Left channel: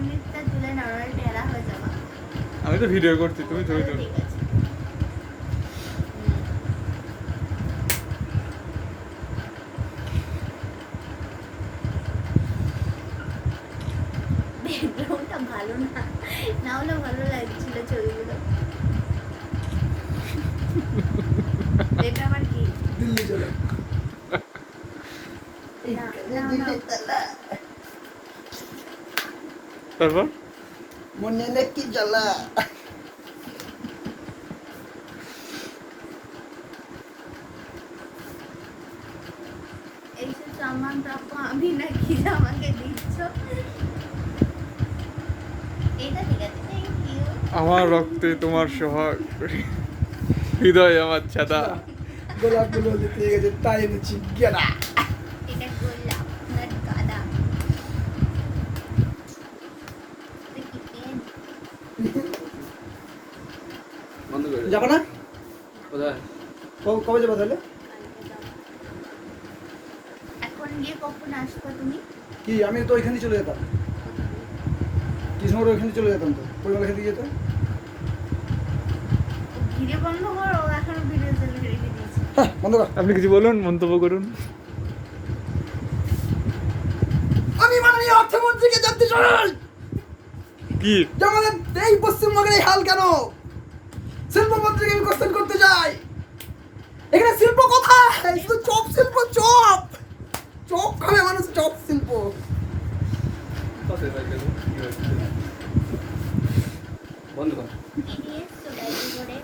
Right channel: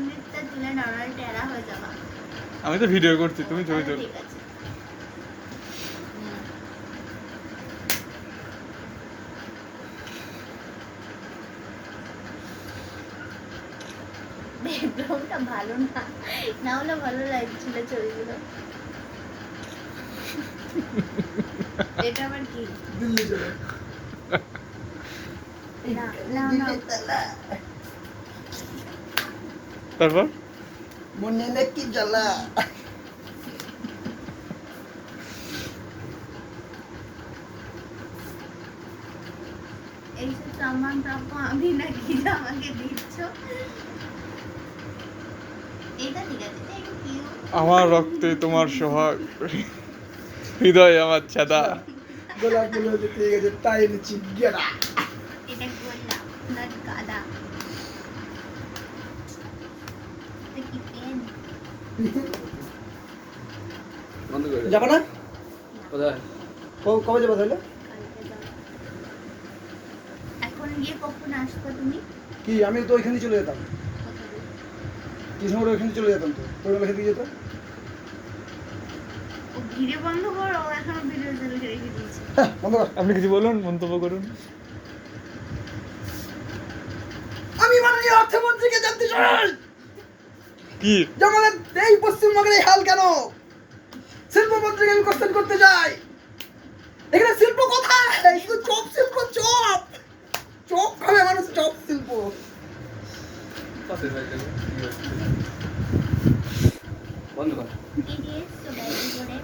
মিনিটটা তুলে নরমাল টেরা হয়ে যাবা। আমি তো ভিডিও করছি, তুমি ছবি তোলো। ঠিক আছে। ব্যাকগ্রাউন্ডটা ভালো না, না হলে ভালো লাগছিল ছবিগুলো। এটা আমার কি? দিল্লি চলে না না না তারপর মনে নাকি জ্বালা এই যে সামান প্রাপ্য আমি নাকি যে আমাকে দিচ্ছ। এটা ঠিক আছে, থ্যাংক ইউ। আমার রক্তে তোমার সোহাগ, হৃদয় আমার ছাদা। গোলাপ গুলো দিতে গেছে তাই এনেছি গেরা এটা গোলাপ নট গাঁদা। এটা কি পেন? বন্ধ করে দে। যাবো না কোথায়? কবে যাবো তাহলে কালকে যাবো। এখন গিয়ে কখন আসবে তুমি? কি আমি তো ওইখানে চলে যেতাম কোথায়? কৃষ্ণগড় ওইখানে চলে যেতাম তো পরিমাণ খেতে যেতাম ও ভিডিও বন্ধ করো, ও এখনো ভিডিও চালু রেখে দিয়েছে। হ্যাঁ বন্ধ কর আপনি কিছু বলুন, মন্তব্য করুন। আমি মাননীয় অর্থমন্ত্রীকে জানতে চাই কি যে আমাদের এই পশ্চিমবঙ্গের এই হাল কেন শিল্পমন্ত্রীকে আমি কোশ্চেন করতে চাই এখানে শিল্প কোথায় শুধু চপ শিল্প চপ চপ খাবে মানুষ চপ শিল্প বন্ধ কর। দিদি এসছো ডায়েরি করে?